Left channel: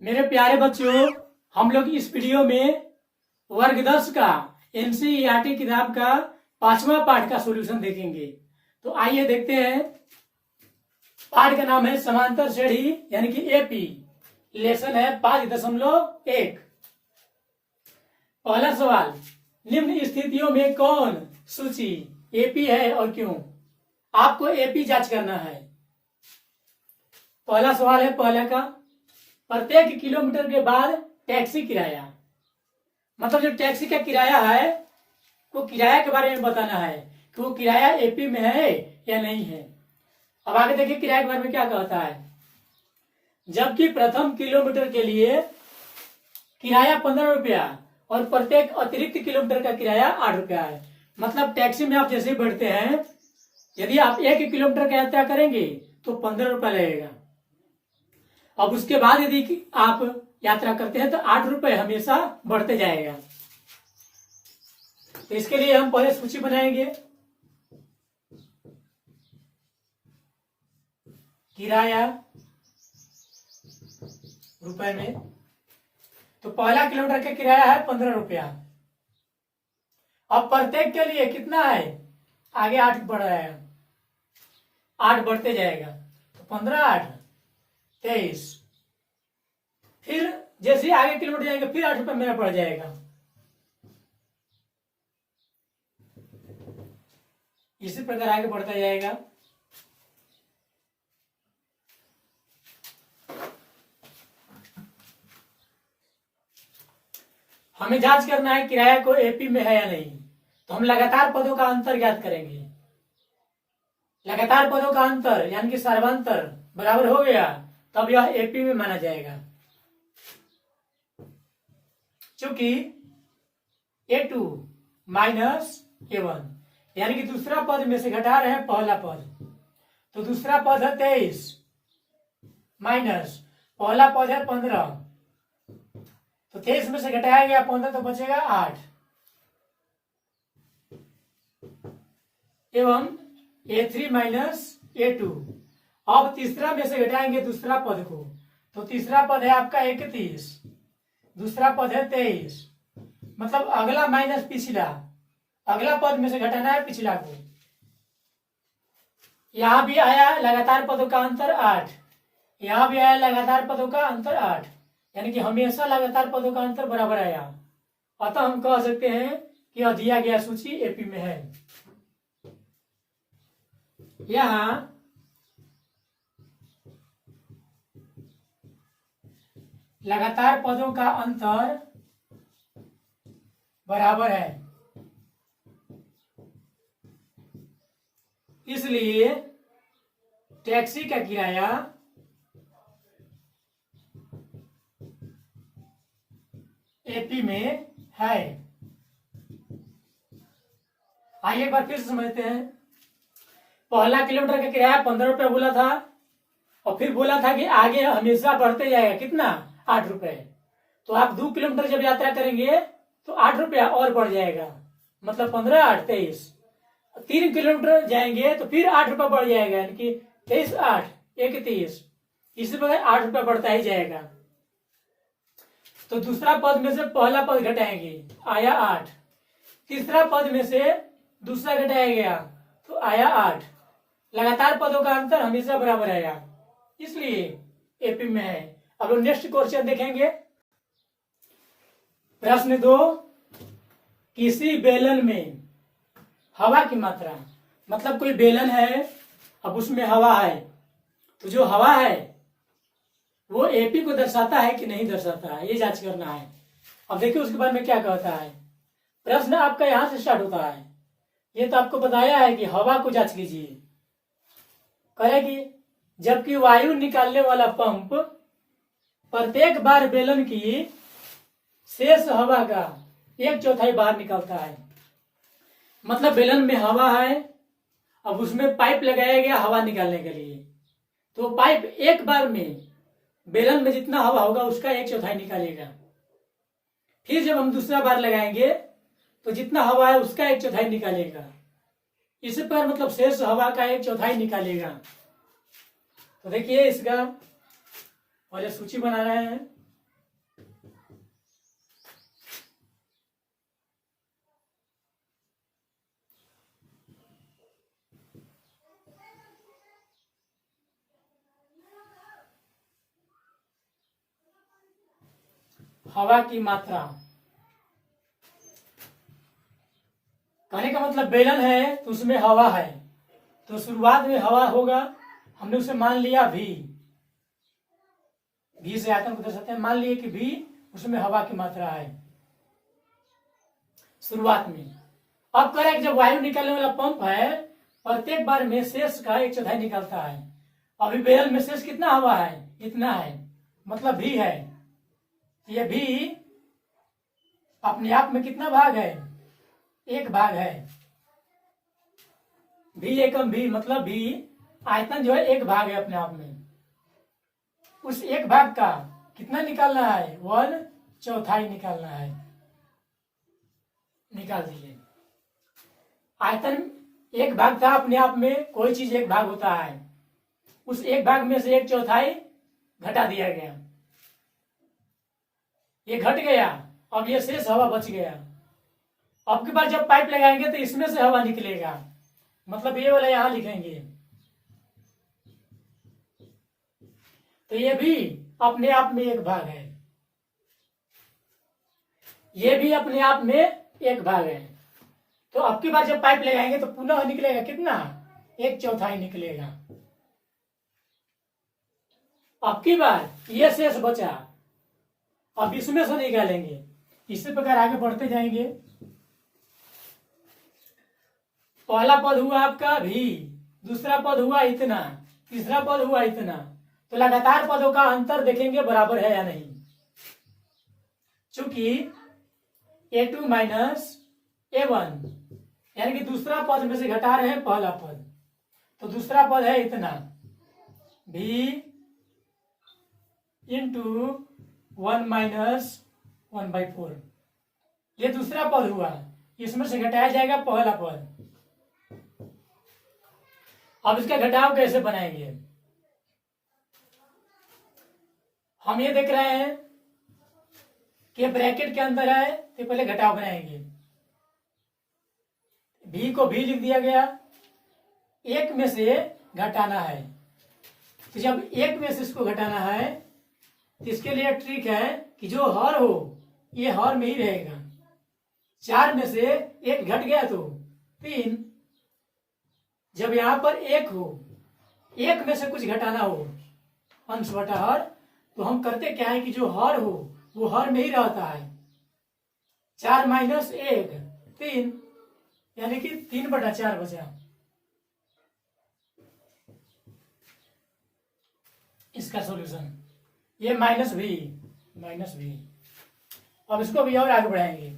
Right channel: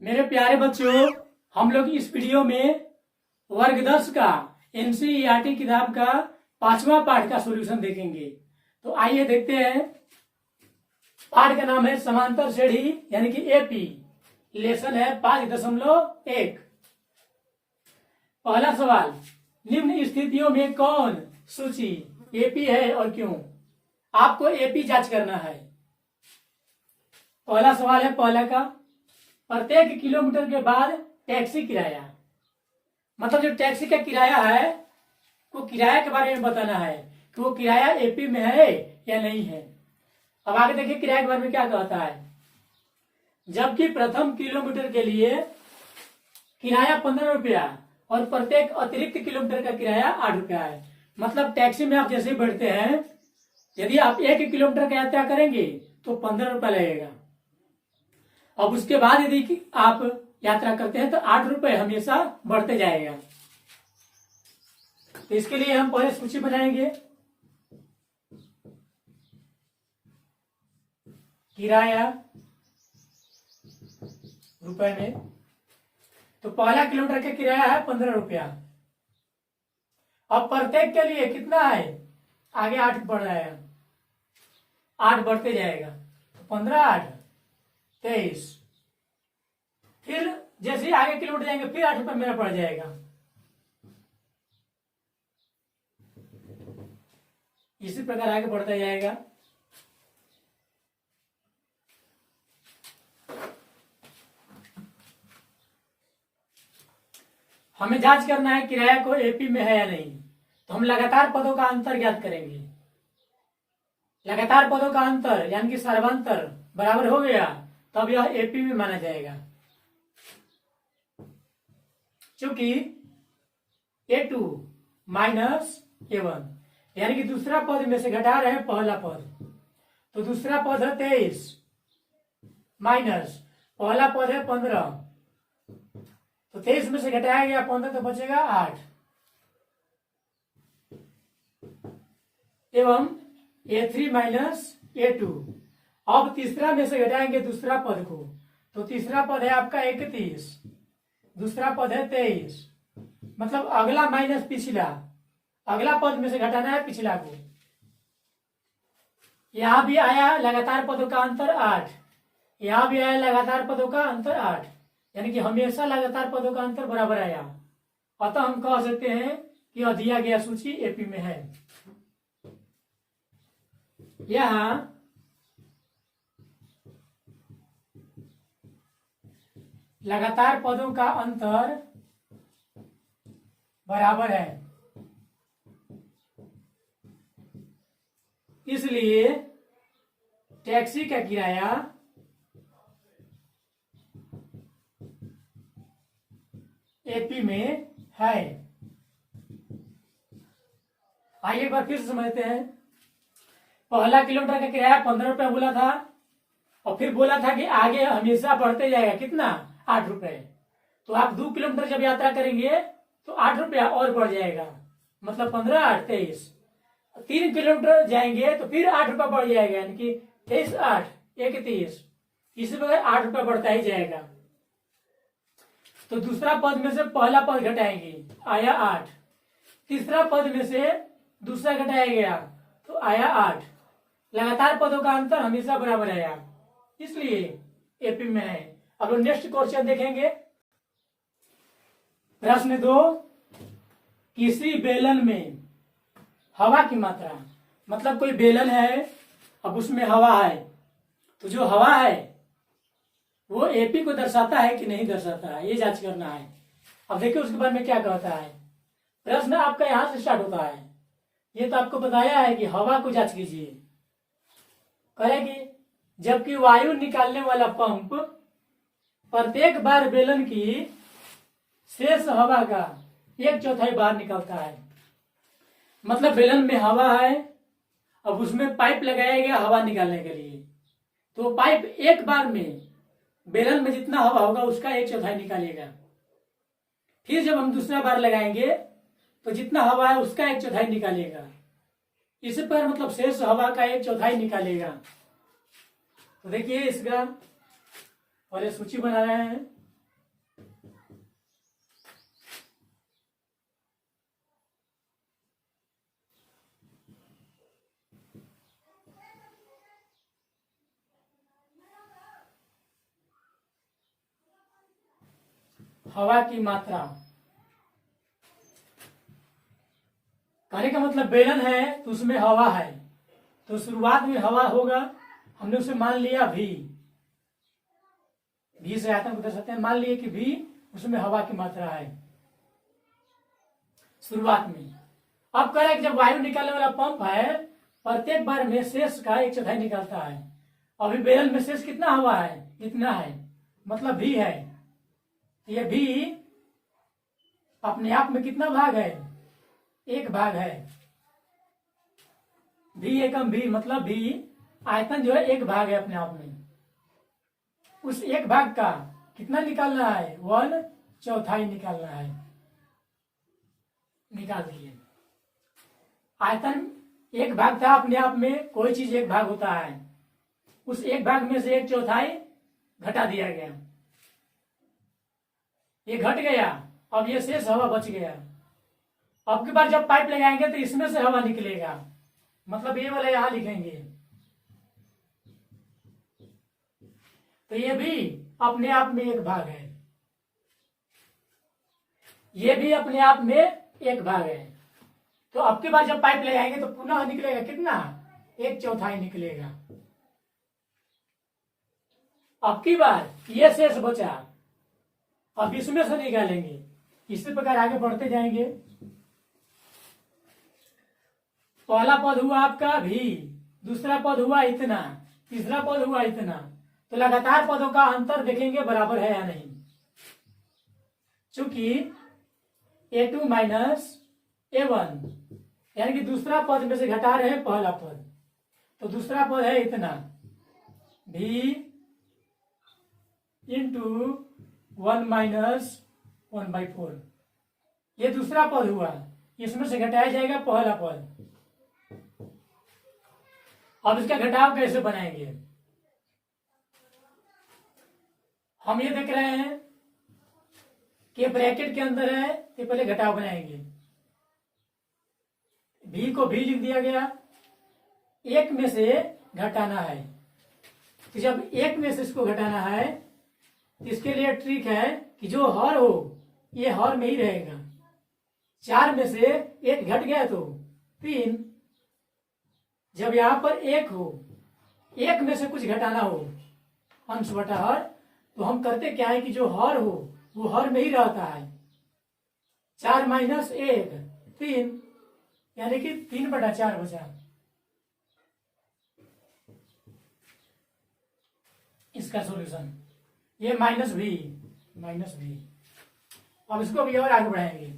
मेरे प्यारे बच्चों, हम लोग इस वीडियो में वर्ग 10 का एनसीईआरटी किताब का 5वां पाठ का सॉल्यूशन देखेंगे। तो आइए देखते हैं। पाठ का नाम है समांतर श्रेणी यानी कि एपी। लेसन है 5.1। पहला सवाल, निम्न स्थितियों में कौन सूची एपी है और क्यों? आपको एपी जांच करना है। पहला सवाल है पहला का, प्रत्येक किलोमीटर के बाद टैक्सी किराया, मतलब जो टैक्सी का किराया है वो किराया के बारे में बताना है कि वो किराया एपी में है या नहीं है। अब आगे देखिए किराए के बारे में क्या कहता है। जबकि प्रथम किलोमीटर के लिए किराया 15 रुपया और प्रत्येक अतिरिक्त किलोमीटर का किराया 8 रुपया है। मतलब टैक्सी में आप जैसे ही बैठते हैं, यदि आप 1 किलोमीटर का यात्रा करेंगे तो 15 रुपया लगेगा। अब उसके बाद यदि आप यात्रा करते हैं तो 8 रुपए हमेशा बढ़ते जाएगा। तो इसके लिए हम पहले सूची बनाएंगे। किराया रुपए में, तो पहला किलोमीटर का किराया है 15 रुपया। अब प्रत्येक के लिए कितना है, आगे 8 बढ़ रहा है, 8 बढ़ते जाएगा। तो 15 8 23। फिर जैसे ही आगे किलोमीटर जाएंगे फिर 8 रुपये मेरा पड़ जाएगा। इसी प्रकार आगे बढ़ता जाएगा। हमें जांच करना है किराया को एपी में है या नहीं। तो हम लगातार पदों का अंतर ज्ञात करेंगे। लगातार पदों का अंतर यानी कि सर्वांतर बराबर हो गया, तब यह एपी में माना जाएगा। चूंकि A2 माइनस A1 यानी कि दूसरा पद में से घटा रहे हैं पहला पद, तो दूसरा पद है 23 माइनस पहला पद है 15, तो 23 में से घटाया गया 15 तो बचेगा 8 एवं A3 माइनस A2। अब तीसरा में से घटाएंगे दूसरा पद को, तो तीसरा पद है आपका 31, दूसरा पद है 23। मतलब अगला माइनस पिछला, अगला पद में से घटाना है पिछला को। यहां भी आया लगातार पदों का अंतर 8, यहां भी आया लगातार पदों का अंतर 8, यानी कि हमेशा लगातार पदों का अंतर बराबर आया। अतः हम कह सकते हैं कि यह दिया गया सूची एपी में है। यहां लगातार पदों का अंतर बराबर है, इसलिए टैक्सी का किराया एपी में है। आइए एक बार फिर से समझते हैं। पहला किलोमीटर का किराया 15 रुपया बोला था और फिर बोला था कि आगे हमेशा बढ़ते जाएगा, कितना 8 रुपए। तो आप 2 किलोमीटर जब यात्रा करेंगे तो 8 रुपया और बढ़ जाएगा, मतलब 15 8 23। 3 किलोमीटर जाएंगे तो फिर 8 रुपया बढ़ जाएगा, यानी कि 23 8 31। इसी प्रकार 8 रुपया बढ़ता ही जाएगा। तो दूसरा पद में से पहला पद घटाएंगे, आया 8। तीसरा पद में से दूसरा घटाया गया तो आया 8। लगातार पदों का अंतर हमेशा बराबर आया, इसलिए एपी में है। अब लोग नेक्स्ट क्वेश्चन देखेंगे। प्रश्न 2, किसी बेलन में हवा की मात्रा, मतलब कोई बेलन है, अब उसमें हवा है, तो जो हवा है वो एपी को दर्शाता है कि नहीं दर्शाता है, ये जांच करना है। अब देखिए उसके बारे में क्या कहता है। प्रश्न आपका यहां से स्टार्ट होता है। ये तो आपको बताया है कि हवा को जांच कीजिए, करेगी। जबकि वायु निकालने वाला पंप प्रत्येक बार बेलन की शेष हवा का 1/4 बाहर निकालता है। मतलब बेलन में हवा है, अब उसमें पाइप लगाया गया हवा निकालने के लिए, तो पाइप एक बार में बेलन में जितना हवा होगा उसका 1/4 निकालेगा। फिर जब हम दूसरा बार लगाएंगे तो जितना हवा है उसका 1/4 निकालेगा। इसी पर मतलब शेष हवा का 1/4 निकालेगा। तो देखिए इसका पहले सूची बना रहे हैं। हवा की मात्रा। कहने का मतलब बेलन है तो उसमें हवा है, तो शुरुआत में हवा होगा, हमने उसे मान लिया भी से आयतन को दर्शाते हैं, मान लिए कि भी उसमें हवा की मात्रा है शुरुआत में। अब कह रहा है कि जब वायु निकालने वाला पंप है प्रत्येक बार में शेष का 1/4 निकालता है। अभी बेलन में शेष कितना हवा है, इतना है, मतलब भी है। ये भी अपने आप में कितना भाग है, 1 भाग है। भी एकम भी मतलब भी आयतन जो है 1 भाग है अपने आप में। उस 1 भाग का कितना निकालना है, 1/4 निकालना है। निकाल दीजिए। आयतन 1 भाग था अपने आप में, कोई चीज 1 भाग होता है, उस 1 भाग में से 1/4 घटा दिया गया, ये घट गया। अब ये शेष हवा बच गया। अब के बाद जब पाइप लगाएंगे तो इसमें से हवा निकलेगा, मतलब ये वाला यहां लिखेंगे। तो ये भी अपने आप में 1 भाग है, ये भी अपने आप में 1 भाग है। तो अब की बार जब पाइप लगाएंगे तो पुनः निकलेगा कितना, 1/4 निकलेगा। अब की बार ये शेष बचा, अब इसमें से निकालेंगे। इसी प्रकार आगे बढ़ते जाएंगे। पहला पद हुआ आपका भी, दूसरा पद हुआ इतना, तीसरा पद हुआ इतना। तो लगातार पदों का अंतर देखेंगे बराबर है या नहीं। चूंकि A2 माइनस A1 यानी कि दूसरा पद में से घटा रहे हैं पहला पद, तो दूसरा पद है इतना भी इंटू 1 माइनस 1/4। ये दूसरा पद हुआ, इसमें से घटाया जाएगा पहला पद। अब इसका घटाव कैसे बनाएंगे, हम ये देख रहे हैं कि ब्रैकेट के अंदर है तो पहले घटाव बनाएंगे। भी को भी लिख दिया गया, 1 में से घटाना है। तो जब 1 में से इसको घटाना है तो इसके लिए ट्रिक है कि जो हर हो ये हर में ही रहेगा। 4 में से 1 घट गया तो 3। जब यहां पर 1 हो, 1 में से कुछ घटाना हो अंश बटा हर, तो हम करते क्या है कि जो हर हो वो हर में ही रहता है। 4 माइनस 1 3, यानी कि 3/4 बचा। इसका सॉल्यूशन ये माइनस भी। अब इसको भी और आगे बढ़ाएंगे।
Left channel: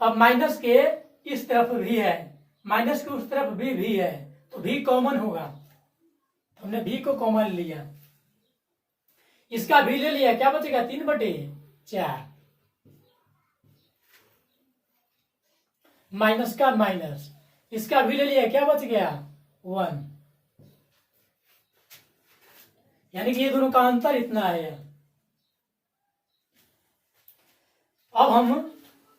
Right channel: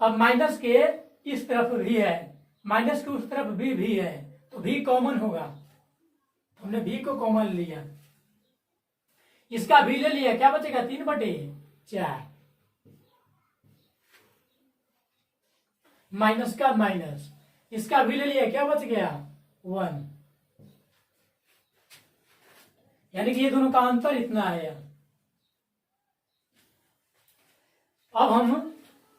अब माइनस के इस तरफ भी है, माइनस के उस तरफ भी है, तो भी कॉमन होगा। तो हमने भी को कॉमन लिया, इसका भी ले लिया, क्या बचेगा 3/4। माइनस का माइनस, इसका भी ले लिया, क्या बच गया 1। यानी कि ये दोनों का अंतर इतना है। अब हम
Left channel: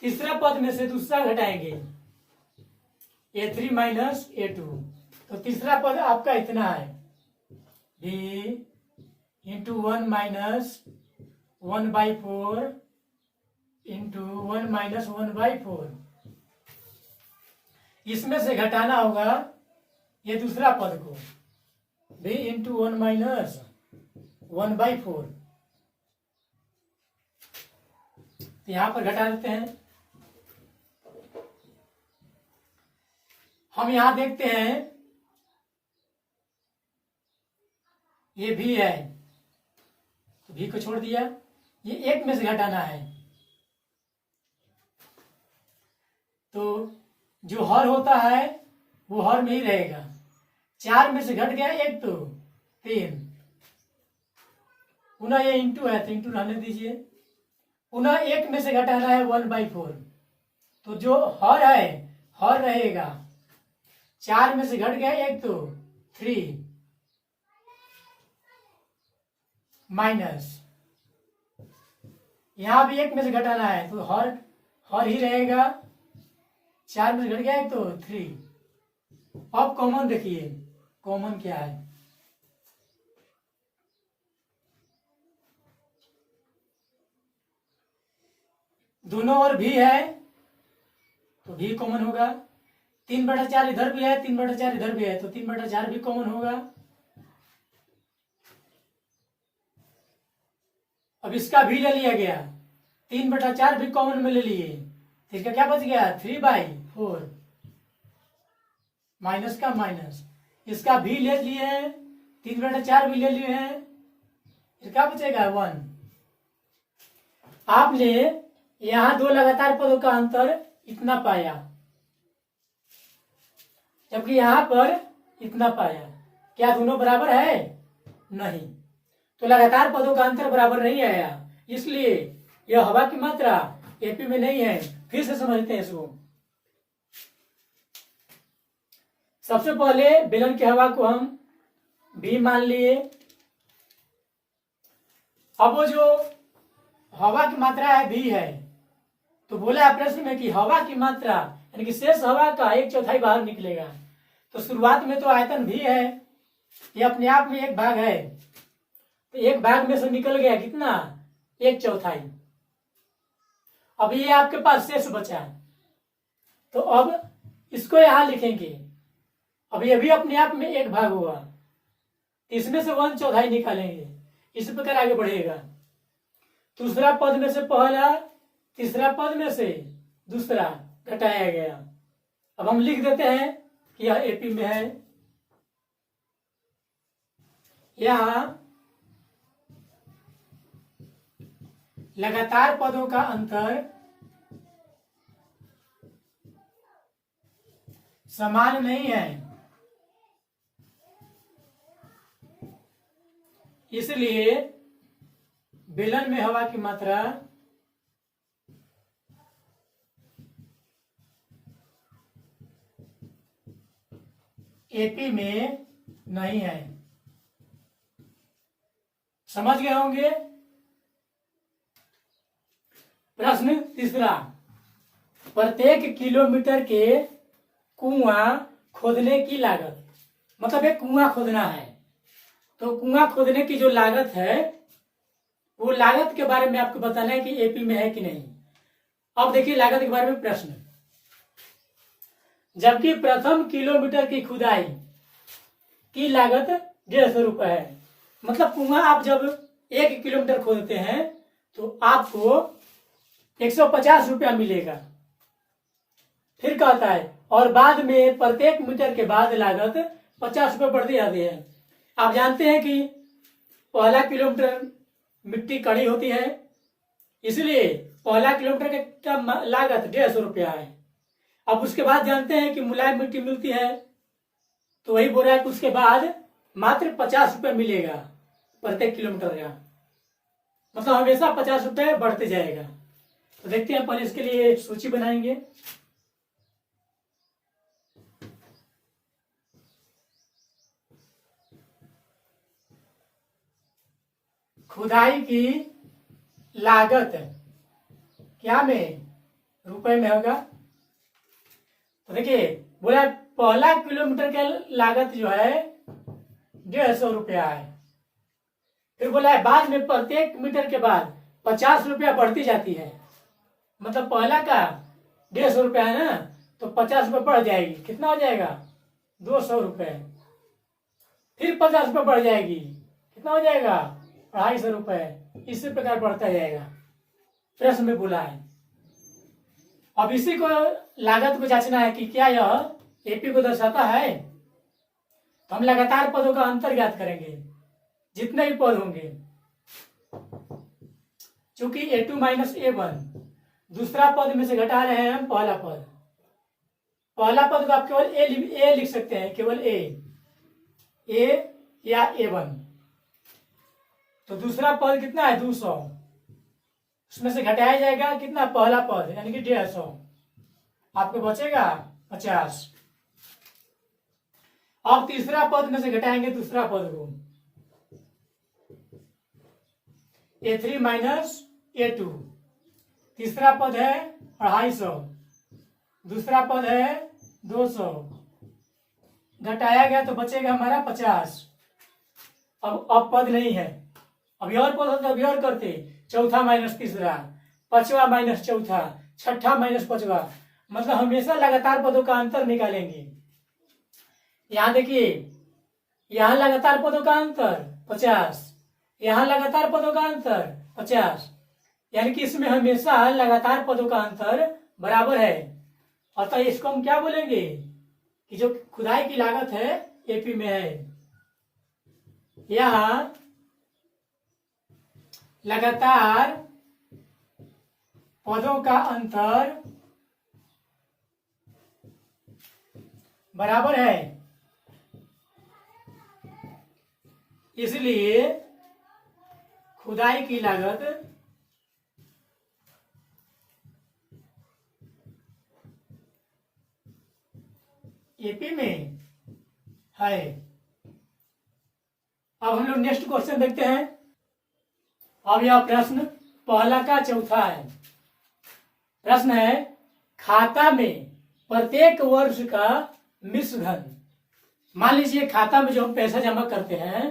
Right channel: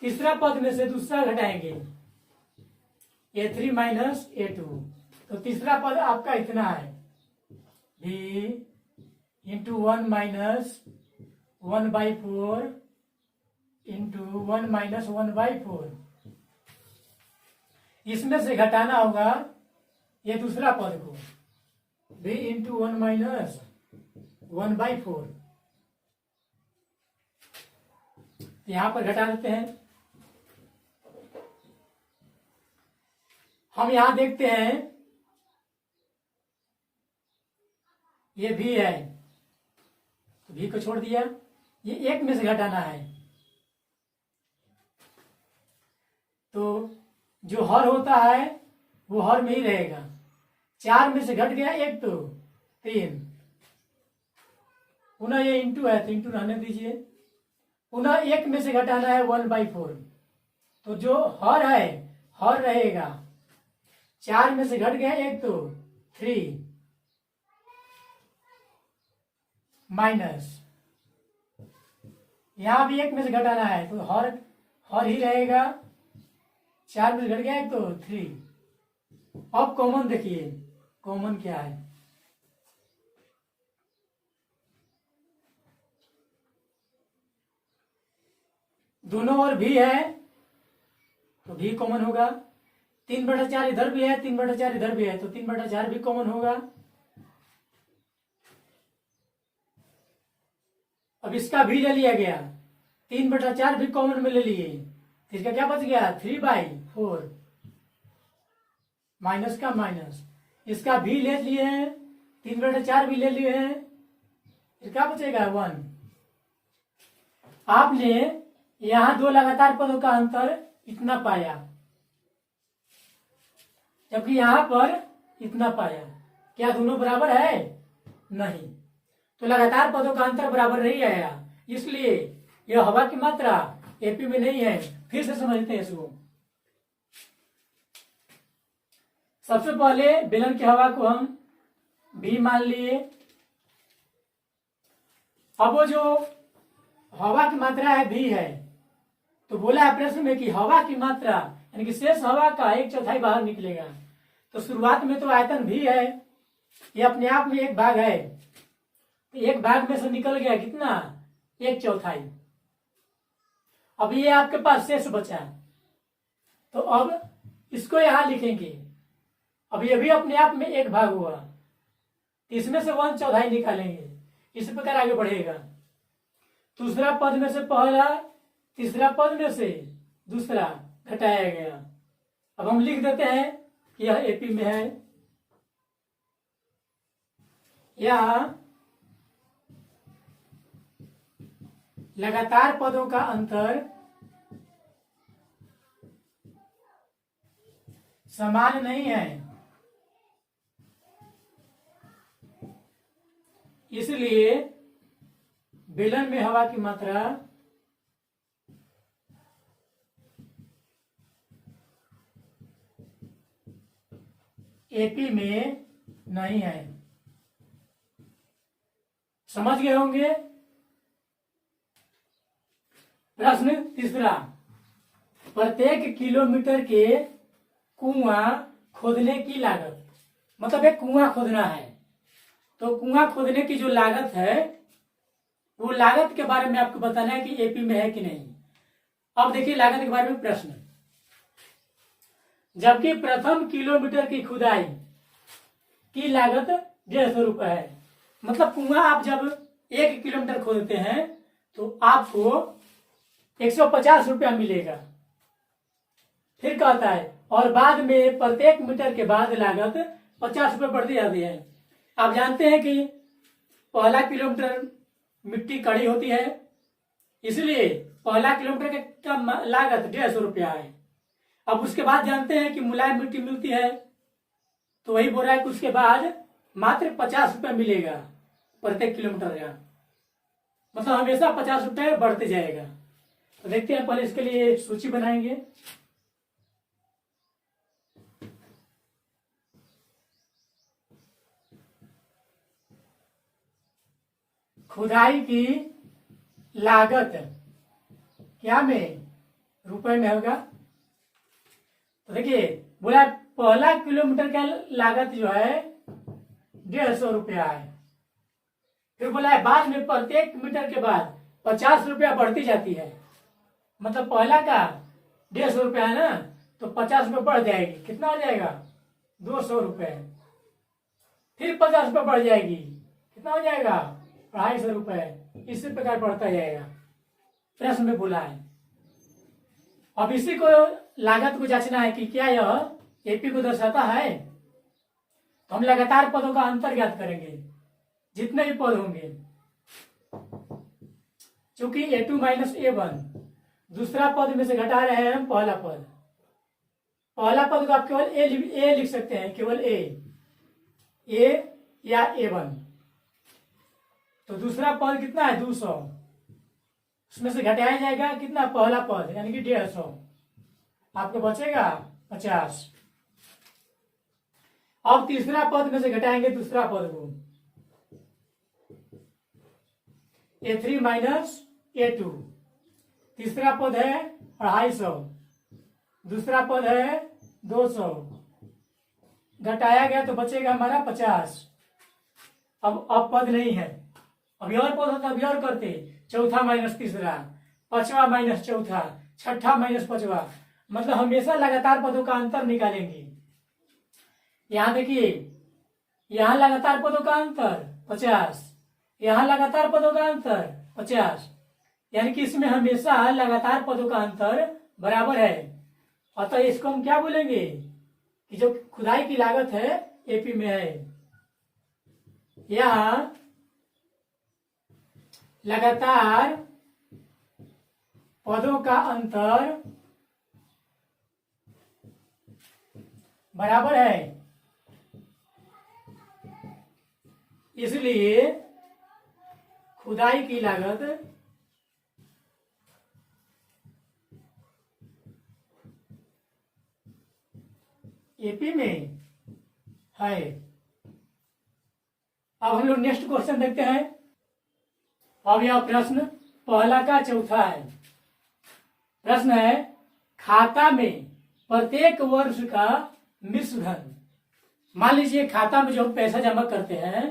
तीसरा पद में से दूसरा घटाएंगे, A3 माइनस A2। तो तीसरा पद आपका इतना है भी इंटू 1 माइनस 1/4 इंटू 1 माइनस 1/4। इसमें से घटाना होगा ये दूसरा पद को, भी इंटू 1 माइनस 1/4। यहां पर घटा देते हैं। हम यहां देखते हैं ये भी है, तो भी को छोड़ दिया, ये 1 में से घटाना है। तो जो हर होता है वो हर में ही रहेगा। 4 में से घट गया 1 तो 3, पुनः ये इंटू है तो इंटू रहने दीजिए। पुनः 1 में से घटाना है 1/4, तो जो हर है हर रहेगा। 4 में से घट गया 1 तो 3 माइनस, यहां भी 1 में से घटाना है तो हर ही रहेगा। 4 में से घट गया 1 तो 3। अब कॉमन देखिए, कॉमन क्या है, दोनों ओर भी है तो भी कॉमन होगा। 3/4 इधर भी है, 3/4 इधर भी है, तो 3/4 भी कॉमन होगा। अब इसका भी ले लिया गया, 3/4 भी कॉमन में ले लिए, तो इसका क्या बच गया 3/4, माइनस का माइनस, इसका भी ले लिए हैं, 3/4 भी ले लिए हैं, फिर क्या बचेगा 1। आपने यहां दो लगातार पदों का अंतर इतना पाया, जबकि यहां पर इतना पाया। क्या दोनों बराबर है? नहीं, तो लगातार पदों का अंतर बराबर नहीं आया, इसलिए यह हवा की मात्रा एपी में नहीं है। फिर से समझते हैं इसको। सबसे पहले बेलन की हवा को हम भी मान लिए। अब वो जो हवा की मात्रा है भी है, तो बोला है प्रश्न में कि हवा की मात्रा यानी कि शेष हवा का 1/4 बाहर निकलेगा। तो शुरुआत में तो आयतन भी है, ये अपने आप में एक भाग है, तो एक भाग में से निकल गया कितना 1/4। अब ये आपके पास शेष बचा, तो अब इसको यहां लिखेंगे। अब ये भी अपने आप में एक भाग हुआ, इसमें से 1/4 निकालेंगे, इस प्रकार आगे बढ़ेगा। दूसरा पद में से पहला, तीसरा पद में से दूसरा घटाया गया। अब हम लिख देते हैं कि यह एपी में है। यहां लगातार पदों का अंतर समान नहीं है, इसलिए बेलन में हवा की मात्रा एपी में नहीं है। समझ गए होंगे। प्रश्न तीसरा, प्रत्येक किलोमीटर के कुआं खोदने की लागत, मतलब एक कुआं खोदना है, तो कुआं खोदने की जो लागत है वो लागत के बारे में आपको बताना है कि एपी में है कि नहीं। अब देखिए लागत के बारे में प्रश्न, जबकि प्रथम किलोमीटर की खुदाई की लागत 150 रुपए है। मतलब कुआं आप जब 1 किलोमीटर खोदते हैं तो आपको 150 रुपया मिलेगा। फिर कहता है और बाद में प्रत्येक मीटर के बाद लागत 50 रुपये बढ़ती जाती है। आप जानते हैं कि पहला किलोमीटर मिट्टी कड़ी होती है, इसलिए पहला किलोमीटर का लागत 150 रुपया है। अब उसके बाद जानते हैं कि मुलायम मिट्टी मिलती है, तो वही बोल रहा है कि उसके बाद मात्र 50 रुपये मिलेगा प्रत्येक किलोमीटर का, मतलब हमेशा 50 रुपये बढ़ते जाएगा। तो देखते हैं, पहले इसके लिए सूची बनाएंगे। खुदाई की लागत क्या में रुपए में होगा। तो देखिए बोला पहला किलोमीटर का लागत जो है 150 रुपया है। फिर बोला है बाद में प्रत्येक मीटर के बाद 50 रुपया बढ़ती जाती है, मतलब पहला का 150 रुपया है ना, तो 50 रुपये बढ़ जाएगी, कितना हो जाएगा 200 रुपये। फिर 50 रुपये बढ़ जाएगी, कितना हो जाएगा 250 रुपये। इसी प्रकार बढ़ता जाएगा, प्रश्न में बोला है। अब इसी को लागत को जांचना है कि क्या यह एपी को दर्शाता है। तो हम लगातार पदों का अंतर ज्ञात करेंगे, जितने भी पद होंगे, चूंकि A2 माइनस A1 दूसरा पद में से घटा रहे हैं हम पहला पद। पहला पद को आप केवल ए लिख सकते हैं, केवल ए या A1। तो दूसरा पद कितना है 200, उसमें से घटाया जाएगा कितना पहला पद यानी कि 150, आपको बचेगा 50। अब तीसरा पद में से घटाएंगे दूसरा पद को, A3 माइनस A2। तीसरा पद है 250, दूसरा पद है 200, घटाया गया तो बचेगा हमारा 50। अब पद नहीं है, अभी और पद होते अभी और करते, चौथा माइनस तीसरा, पांचवा माइनस चौथा, छठा माइनस पांचवा, मतलब हमेशा लगातार पदों का अंतर निकालेंगे। यहां देखिए, यहां लगातार पदों का अंतर 50, यहां लगातार पदों का अंतर 50, यानी कि इसमें हमेशा लगातार पदों का अंतर बराबर है। अतः इसको हम क्या बोलेंगे कि जो खुदाई की लागत है एपी में है, यहां लगातार पदों का अंतर बराबर है, इसलिए खुदाई की लागत एपी में है। अब हम लोग नेक्स्ट क्वेश्चन देखते हैं। अब यह प्रश्न पहला का चौथा है। प्रश्न है, खाता में प्रत्येक वर्ष का मिश्र धन। मान लीजिए खाता में जो हम पैसा जमा करते हैं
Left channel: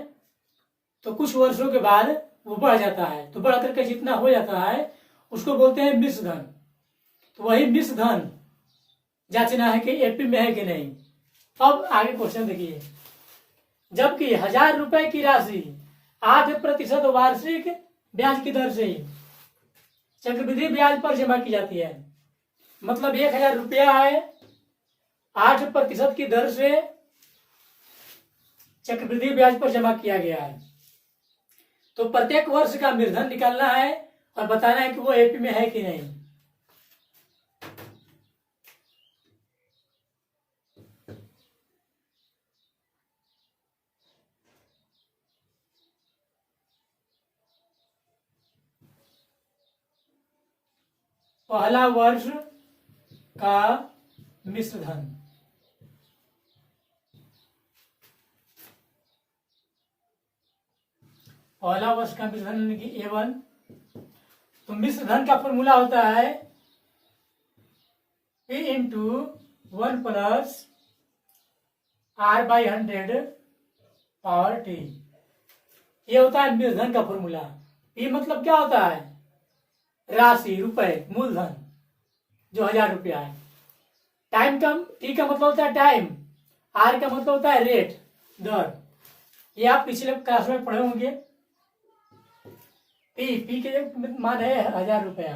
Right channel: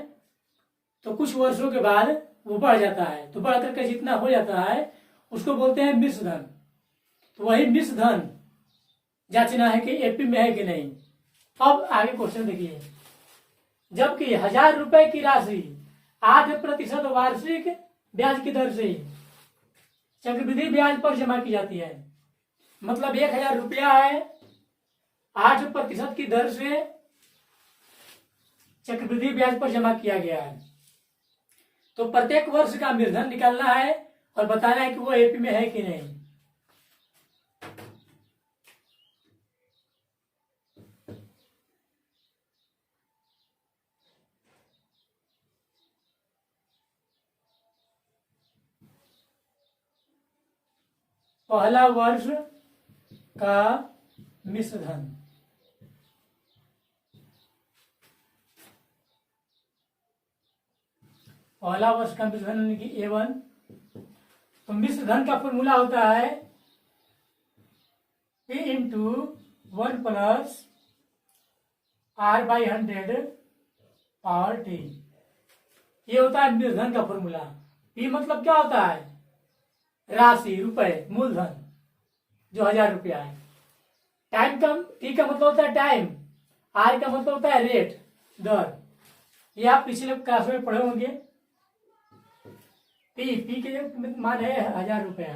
तो कुछ वर्षों के बाद वो बढ़ जाता है, तो बढ़ करके जितना हो जाता है उसको बोलते हैं मिश्र धन। तो वही मिश्र धन जांचना है कि एपी में है कि नहीं। अब आगे क्वेश्चन देखिए, जबकि 1000 रुपए की राशि 8% वार्षिक ब्याज की दर से चक्रवृद्धि ब्याज पर जमा की जाती है, मतलब 1000 रुपया है, 8% की दर से चक्रवृद्धि ब्याज पर जमा किया गया है। तो प्रत्येक वर्ष का मूलधन निकालना है और बताना है कि वो एपी में है कि नहीं। पहला वर्ष का मिश्र धन, पहला वर्ष का मिश्र धन यानी कि A1। तो मिश्र धन का फॉर्मूला होता है P into 1 plus R/100 power T। ये होता है मिश्र धन का फॉर्मूला। P मतलब क्या होता है, राशि, रुपए, मूलधन जो 1000 रुपया है। टाइम का, T का मतलब होता है टाइम, R का मतलब होता है रेट, दर। ये आप पिछले क्लास में पढ़े होंगे। पी के मान है 1000 रुपया,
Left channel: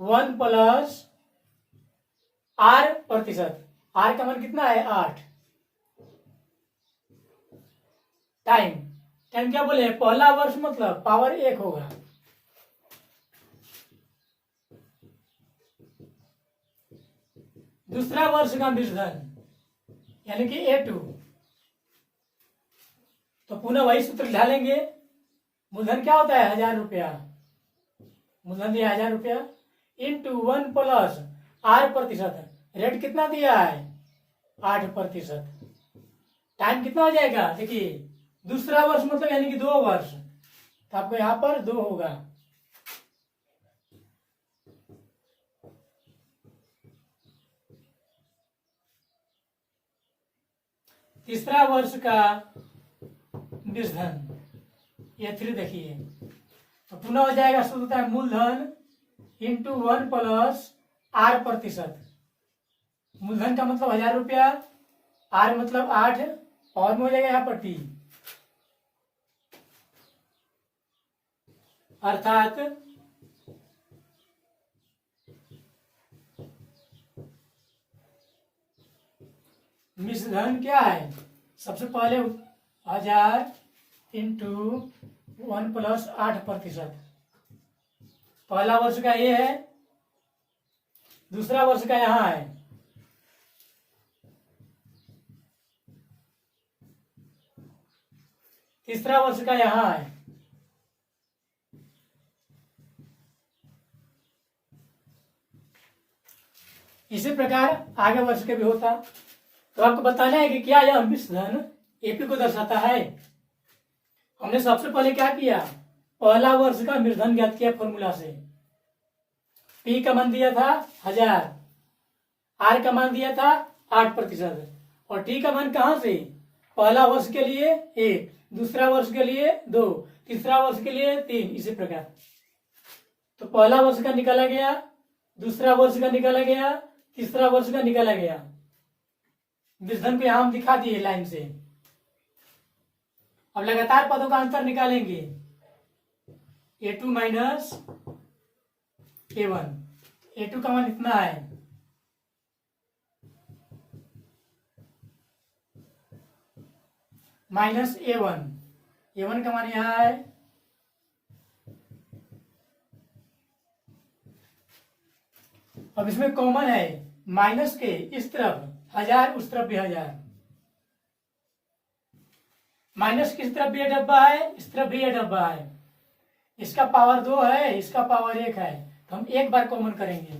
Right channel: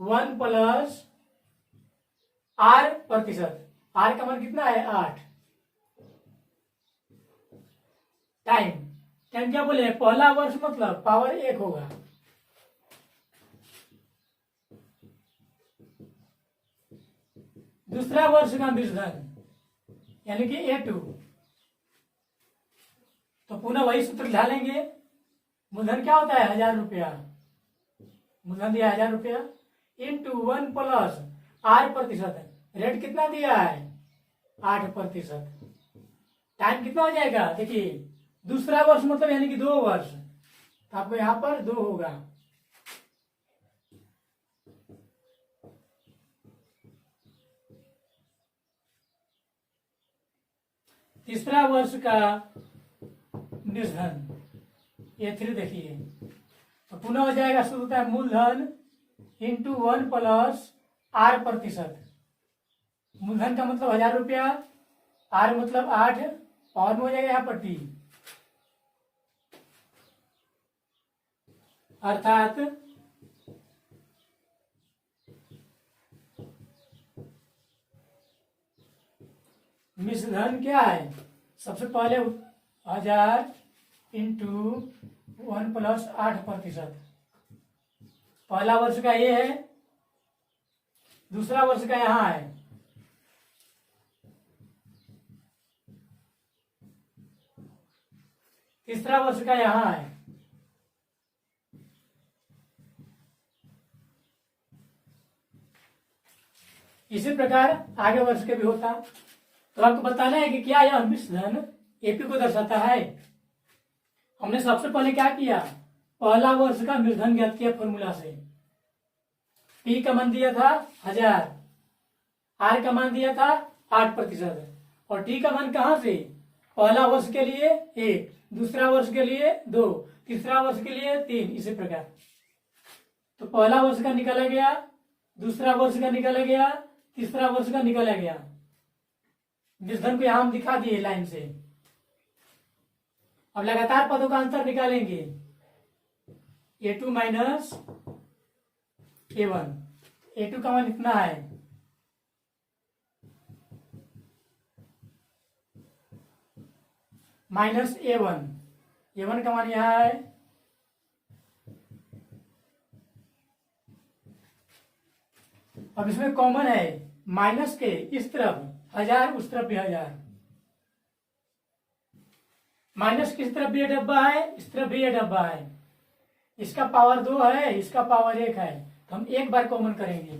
1 प्लस R%, R का मान कितना है 8। टाइम क्या बोले, पहला वर्ष मतलब पावर 1 होगा। दूसरा वर्ष का मिश्र धन यानी कि A2, तो पुनः वही सूत्र ढालेंगे। मूलधन क्या होता है 1000 रुपया, मूलधन दिया 1000 रुपया इंटू 1 प्लस R%, रेट कितना दिया है 8%। टाइम कितना हो जाएगा, देखिए दूसरा वर्ष मतलब यानी कि 2 वर्ष, तो आपको यहां पर 2 होगा। तीसरा वर्ष का मिश्र धन A3 देखिए, तो पुनः हो जाएगा, शुरू होता है मूलधन इंटू 1 प्लस R%। मूलधन का मतलब 1000 रुपया, R मतलब 8, और में हो जाएगा यहाँ पर T, अर्थात मिश्र धन क्या है, सबसे पहले 1000 इंटू 1 प्लस 8%। पहला वर्ष का ये है, दूसरा वर्ष का यहां है, तीसरा वर्ष का यहां है। इसी प्रकार आगे वर्ष के भी होता। तो आपको बताना है कि क्या यह मिश्र धन एपी को दर्शाता है। हमने सबसे पहले क्या किया, पहला वर्ष का मिश्र धन ज्ञात किया फॉर्मूला से। पी का मान दिया था 1000, आर का मान दिया था 8%, और टी का मान कहां से, पहला वर्ष के लिए 1, दूसरा वर्ष के लिए 2, तीसरा वर्ष के लिए 3, इसी प्रकार। तो पहला वर्ष का निकाला गया, दूसरा वर्ष का निकाला गया, तीसरा वर्ष का निकाला गया। विषधन को यहां हम दिखा दिए लाइन से। अब लगातार पदों का अंतर निकालेंगे। A2 माइनस A1, A2 का मान इतना है, माइनस A1, A1 का मान यहां है, अब इसमें कॉमन है माइनस के इस तरफ 1000, उस तरफ भी 1000। माइनस किस तरफ भी ये डब्बा है, इस तरफ भी ये डब्बा है। इसका पावर 2 है, इसका पावर 1 है, तो हम एक बार कॉमन करेंगे।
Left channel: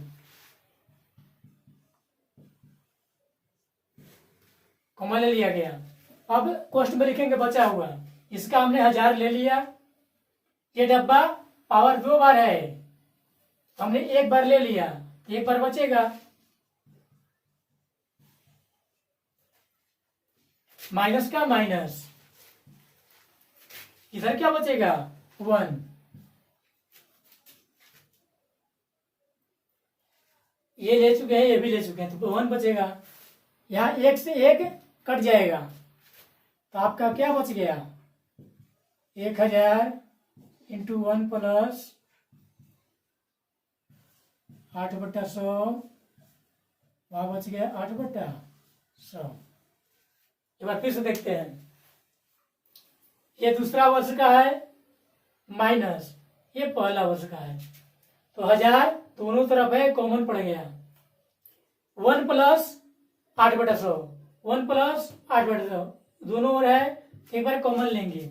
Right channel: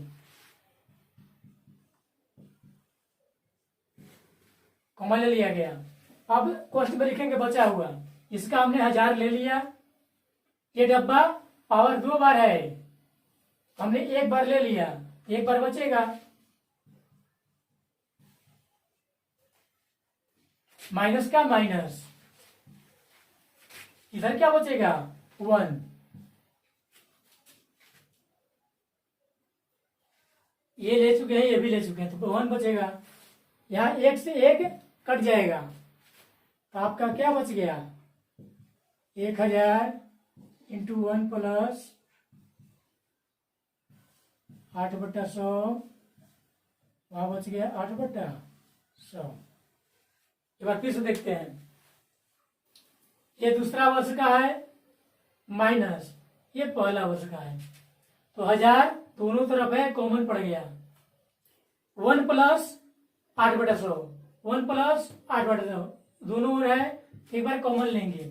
कॉमन ले लिया गया। अब कोष्ठ में लिखेंगे बचा हुआ, इसका हमने 1000 ले लिया। ये डब्बा पावर 2 बार है, हमने एक बार ले लिया, तो एक बार बचेगा। माइनस का माइनस, इधर क्या बचेगा 1। ये ले चुके हैं, ये भी ले चुके हैं, तो 1 बचेगा। यहां 1 से 1 कट जाएगा, तो आपका क्या बच गया 1000 इंटू 1 प्लस 8/100, वहां बच गया 8/100। एक बार फिर से देखते हैं। ये दूसरा वर्ष का है माइनस ये पहला वर्ष का है, तो 1000 दोनों तरफ है, कॉमन पड़ गया। 1 प्लस 8/100, 1 प्लस 8/100 दोनों ओर है, एक बार कॉमन लेंगे,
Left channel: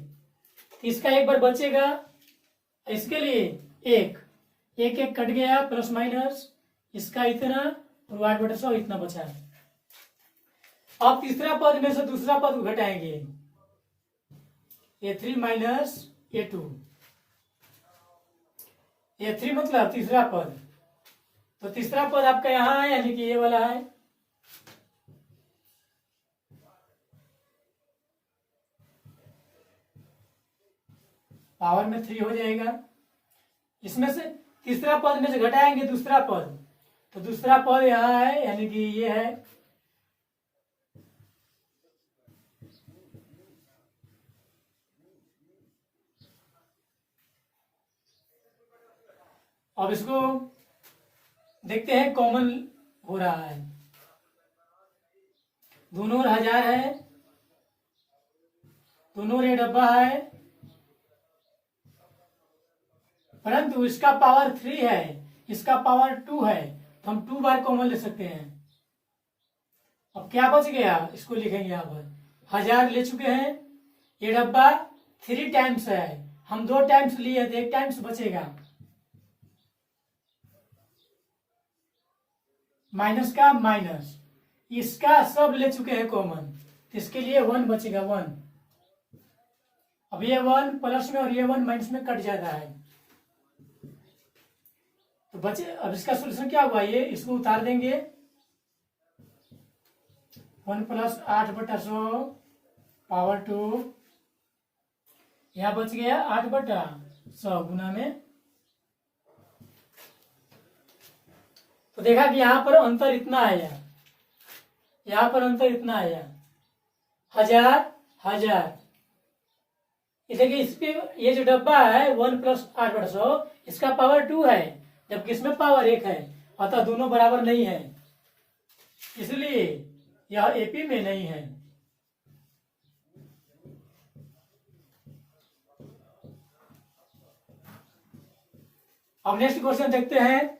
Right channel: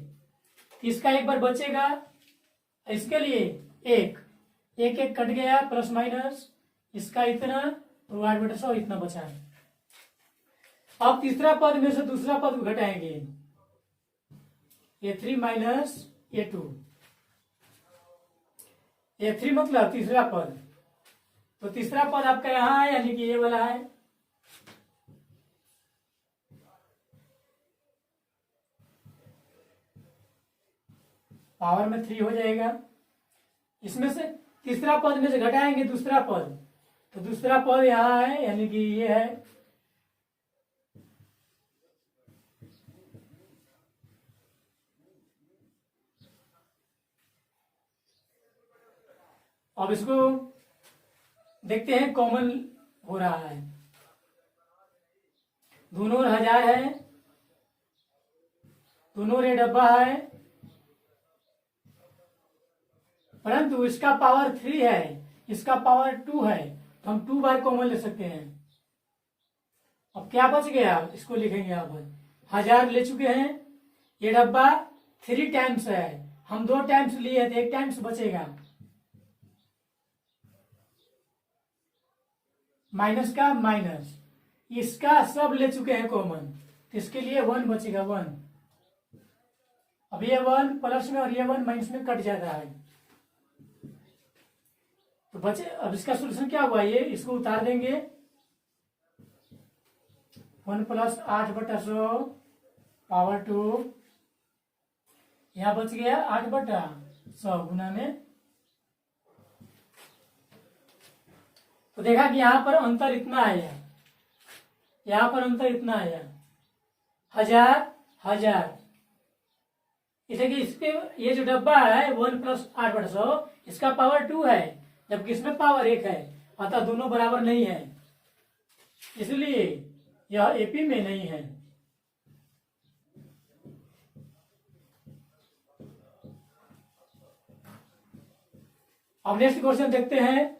तो इसका एक बार बचेगा। इसके लिए एक कट गया, प्लस माइनस, इसका इतना और 8/100 इतना बचा। अब तीसरा पद में से दूसरा पद घटाएंगे, A3 माइनस A2, A3 मतलब तीसरा पद, तो तीसरा पद आपका यहां है, यानी कि ये वाला है। पावर में 3 हो जाएगा। इसमें से तीसरा पद में से घटाएंगे दूसरा पद, तो दूसरा पद यहां है, यानी कि ये है। अब इसको देखते हैं, कॉमन हो रहा है, दोनों 1000 है, दोनों रे डब्बा है, परंतु इसका पावर 3 है, इसका पावर 2 है, तो हम 2 बार कॉमन ले सकते हैं। अब क्या बच गया, इसको लिखेंगे यहां पर। 1000 ले चुके हैं, ये डब्बा 3 टाइम्स है, हम 2 टाइम्स लिए तो 1 टाइम्स बचेगा। माइनस का माइनस, इसका सब ले चुके हैं कॉमन, तो इसके लिए 1 बचेगा 1। अब ये 1 प्लस में और ये 1 माइनस में कट जाता है, तो बचे। अब इसका सोल्यूशन क्या हुआ, ये इसको उतार देंगे, 1 प्लस 8/100 पावर 2, यहां बच गया 8/100 गुना में। तो देखा कि यहां पर अंतर इतना आया, यहां पर अंतर इतना आया, 1000। देखिए इस पे ये जो डब्बा है 1 प्लस 8/100, इसका पावर 2 है, जबकि इसमें पावर 1 है, अतः दोनों बराबर नहीं है, इसलिए यह एपी में नहीं है। अब नेक्स्ट क्वेश्चन देखते हैं।